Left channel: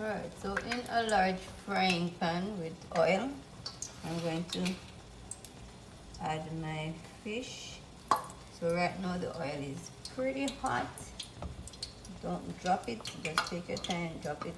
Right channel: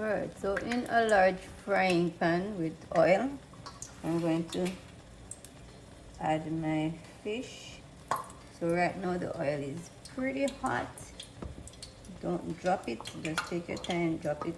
Alright, so in a large frying pan with oil, I'm going to add my fish. So right now the oil is pretty hot. Don't drop it, just take your time, drop it.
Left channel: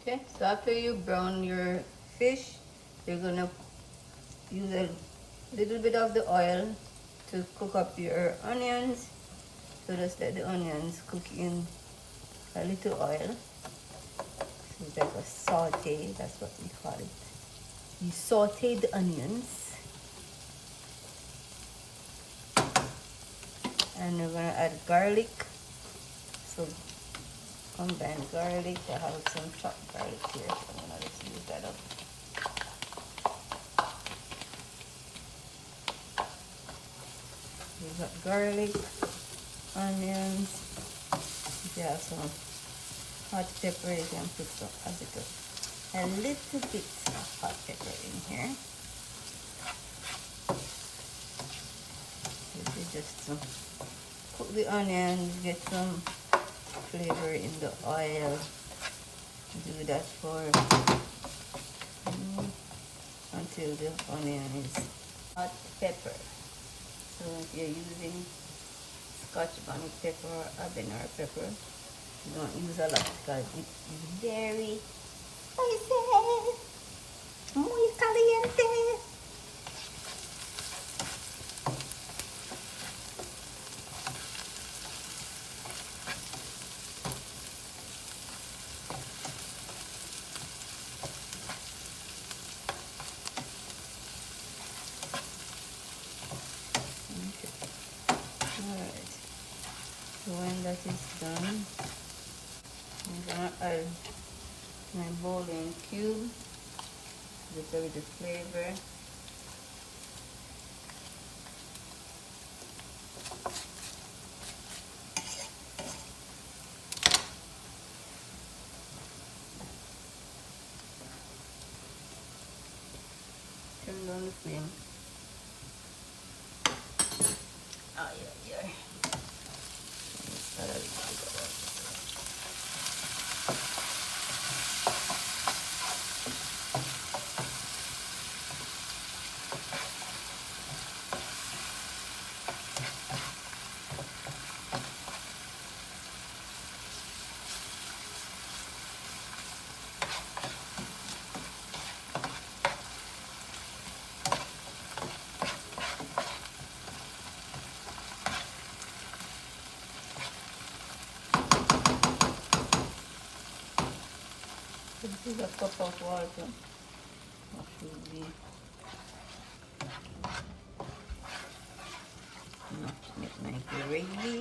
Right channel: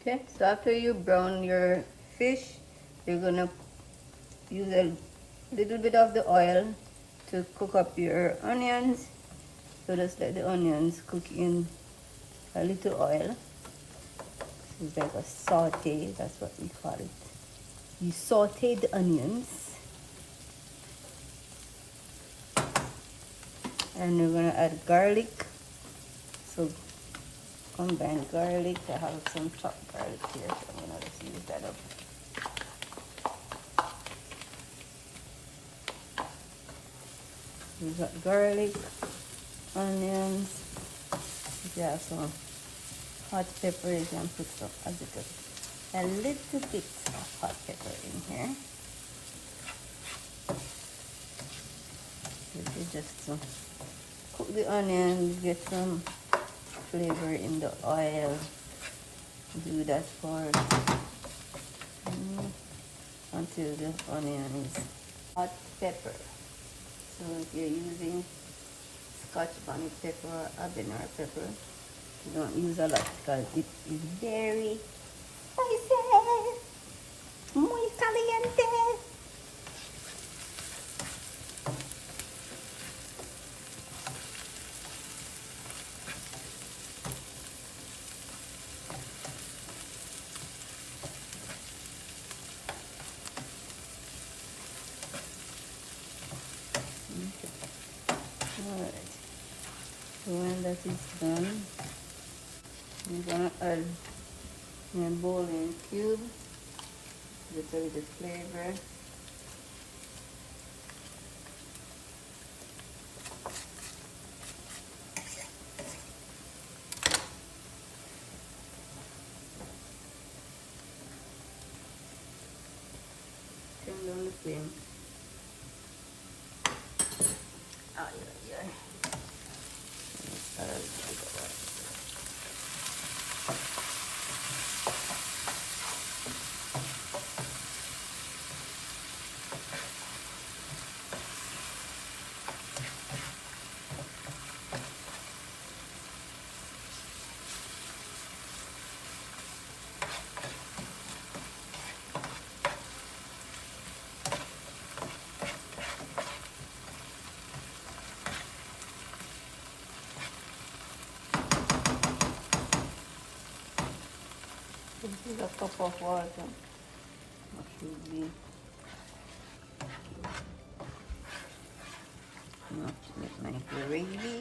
Okay, so after you brown your fish, you're gonna use a little bit of the oil to cook up your onions. So just let the onions cook in a little oil. It's like a saute, that's what we call it. You saute the onions. And we're gonna add garlic. So combine garlic. I have some chopped garlic here, so I'm gonna just use that up. You got garlic, onions. If you have some hot pepper, you can put a little bit of hot pepper in here. This is just to cook the onions, get some flavor in the oil. Do that for until the onion is hot pepper. So if you're using Scotch bonnet pepper or habanero pepper, you don't use a lot because it is very spicy, muy caliente. Alright, so when that is done, I'm gonna add my bouillon cube, just with the flavor. Turn down the flame. Oh yeah. This is a cup of water. That should be enough to make my gravy.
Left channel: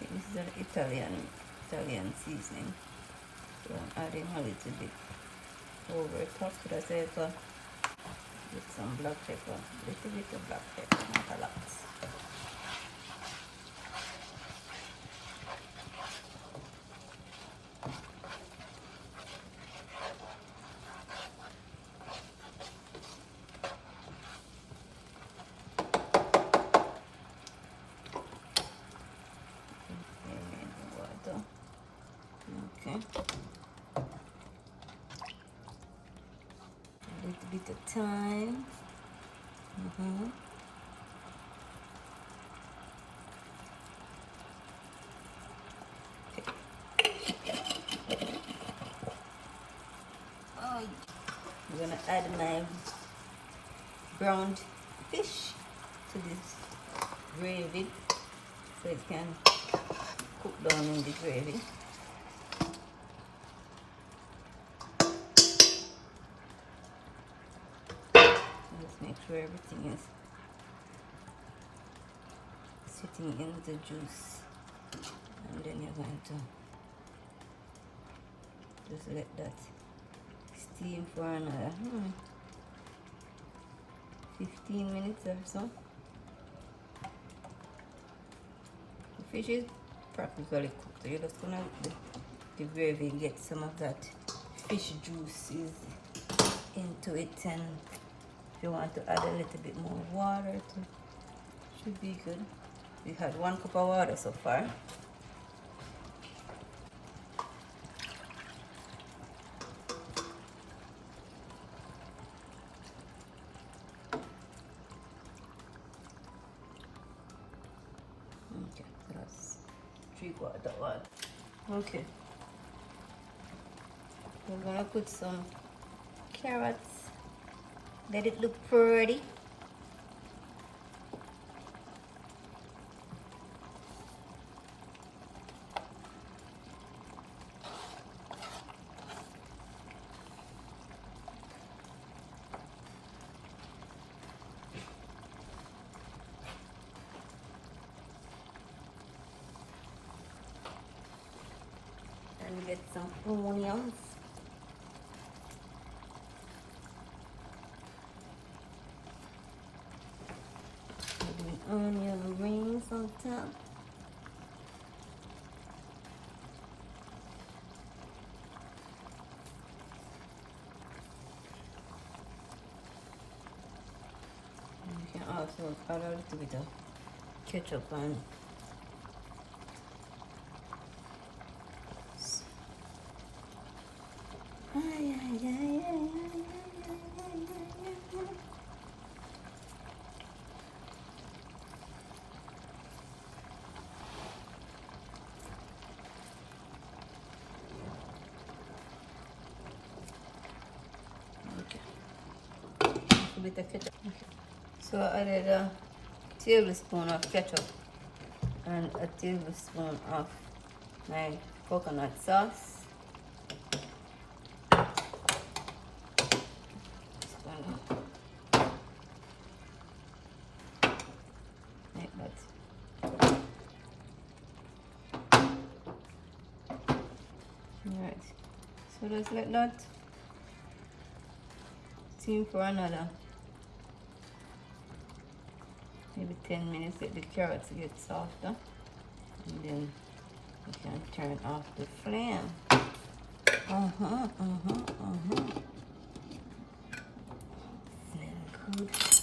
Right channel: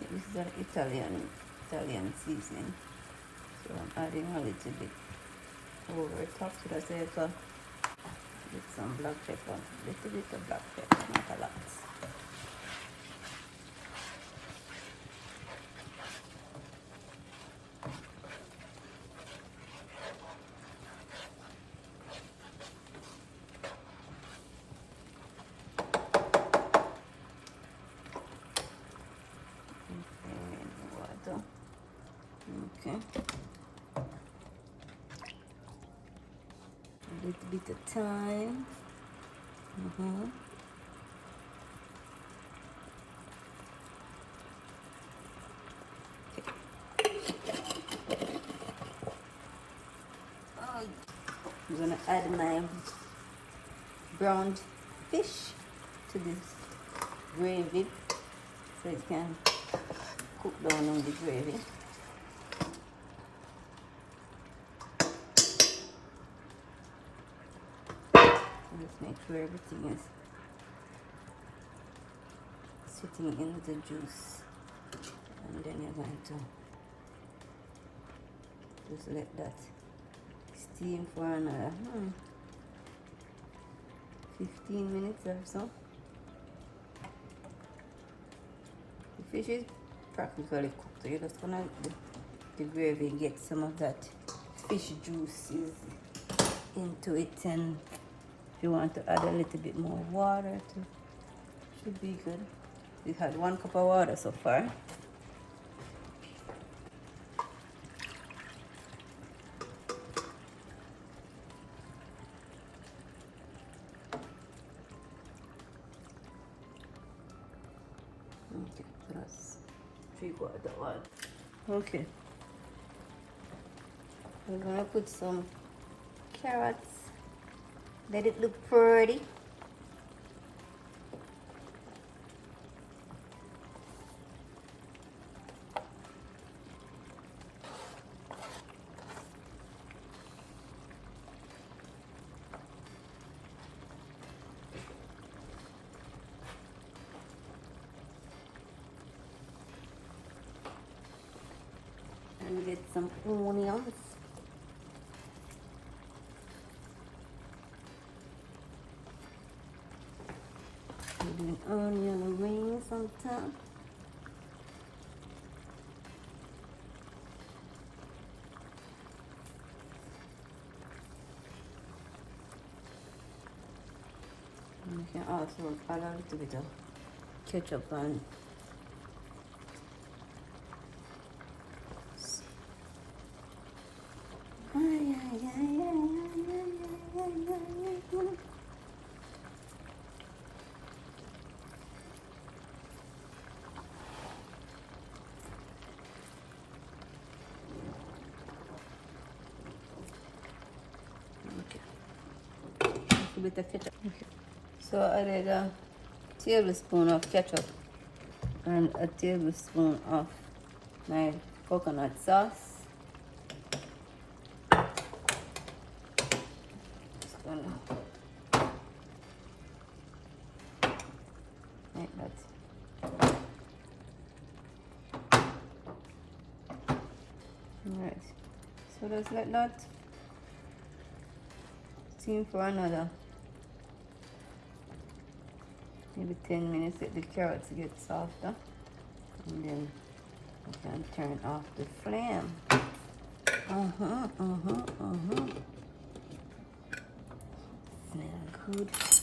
This is an Italian seasoning. So I'm adding a little bit over top. So that's it. With some black pepper, a little bit of black pepper, not a lot. Okay. A little bit of thyme. I'm gonna add my browned fish to this gravy so it can cook down on the gravy. Just make sure everything is sitting in the juice, and then you're going to just let that steam for another 15 minutes or so. The fish is practically cooked, so you're just gonna let the gravy get some of that fish juices into it, and if you want to add a little bit more water to, should be good. We had 1 cup of water so far. Okay, plus 3/4 water. Okay. We're gonna put some carrots. Let it look pretty. And we get some onions. Maybe an onion rings on top. And you can also add a little bit of ketchup and a bit of ketchup. So I added a tablespoon of ketchup and a tablespoon of my coconut sauce. Just gonna make that. Alright, so just let that steam for another maybe 10 minutes, let the carrots get softer, and then you can turn off the flame. Smell good.